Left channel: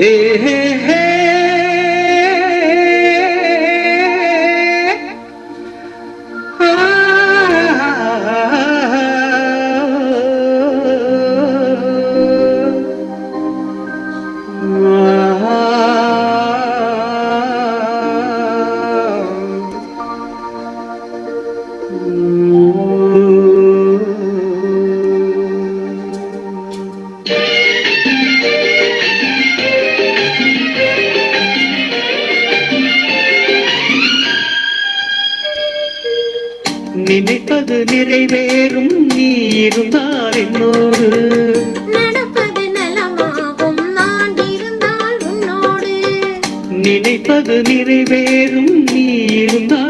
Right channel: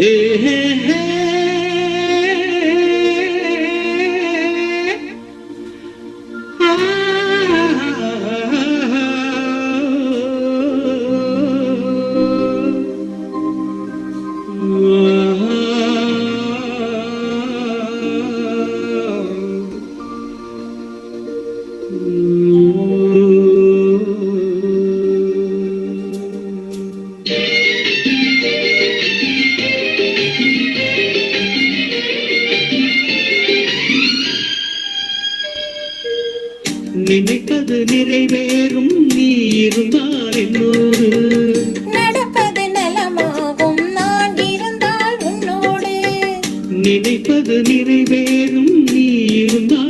হে Mm-hmm. Ah. நிறைவேறும் நீ இருந்தால் என்னோடு. நடப்பது நலமாகும். நான் இருந்தால் உன்னோடு. நினைப்பது நிறைவேறும் நீ இருந்தால்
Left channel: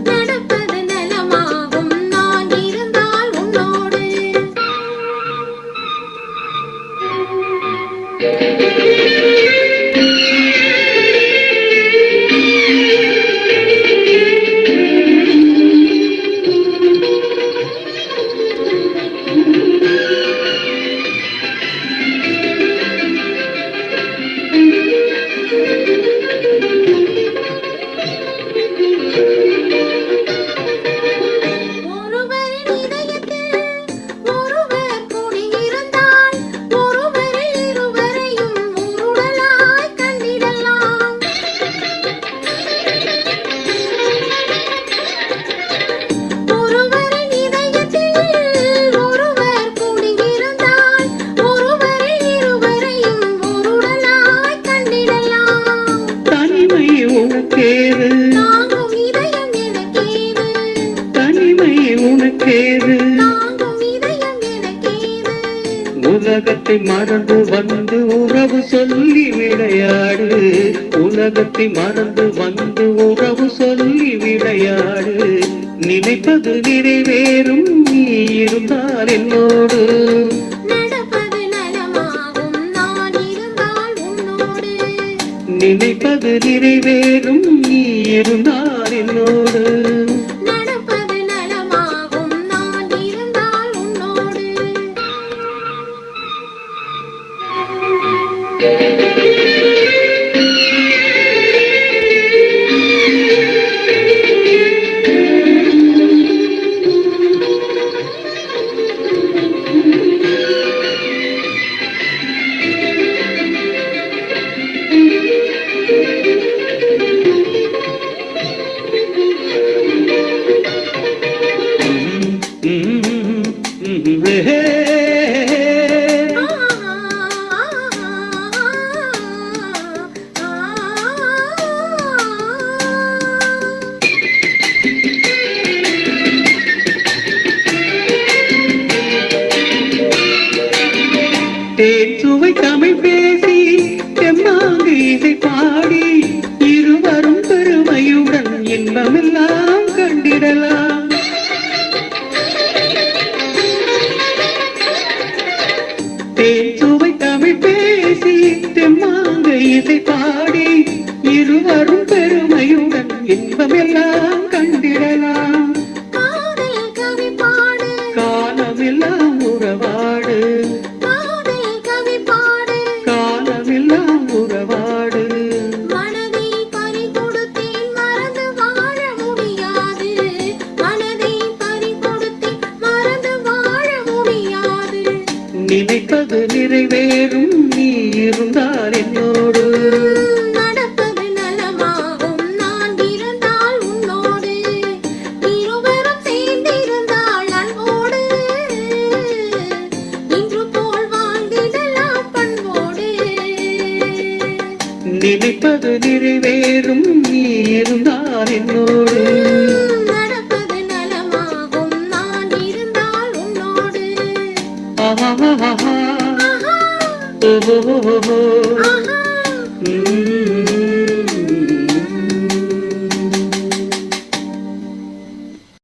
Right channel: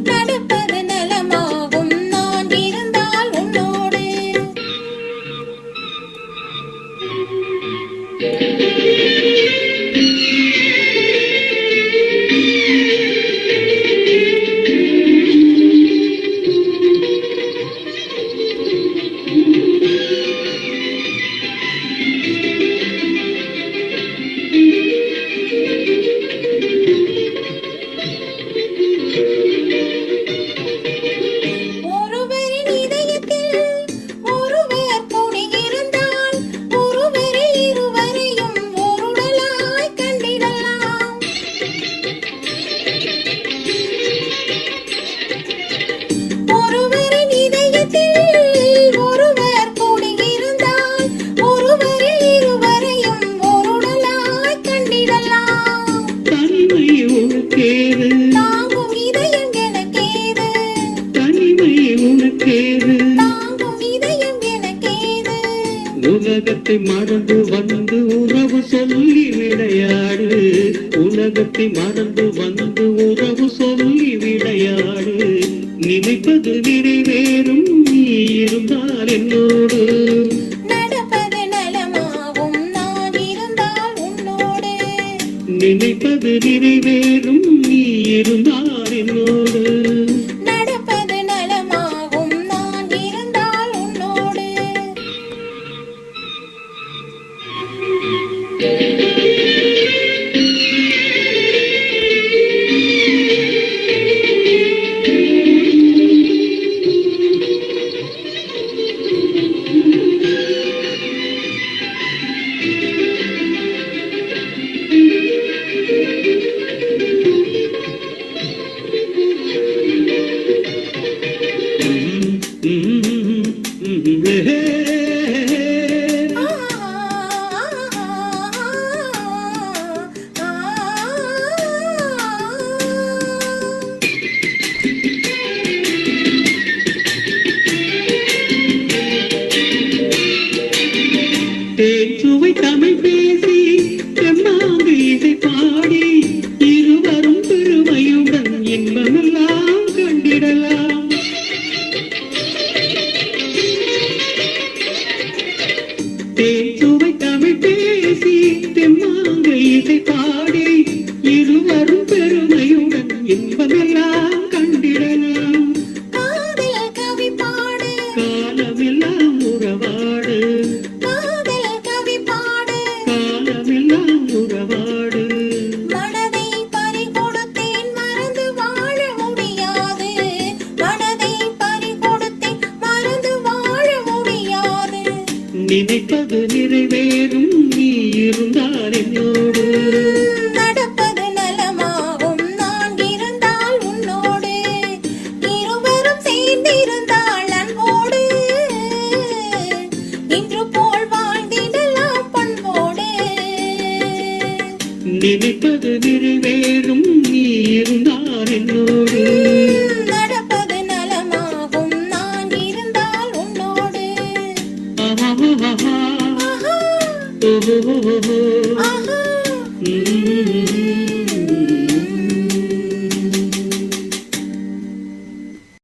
தனிமை உனக்கேது உலகத்தை மறந்து வந்து உறவு சொல்லி விளையாடு உலகத்தை மறந்து வந்து உறவு சொல்லி விளையாடு நினைப்பது நிறைவேறும் நீ இருந்தால் என்னோடு. நினைப்பது நிறைவேறும் நீ இருந்தால் என்னோடு. நினைப்பது நிறைவேறும் நீ இருந்தால் என்னோடு. நடப்பது நலமாகும் நான் இருந்தால் உன்னோடு. ஆஹா ஓஹோ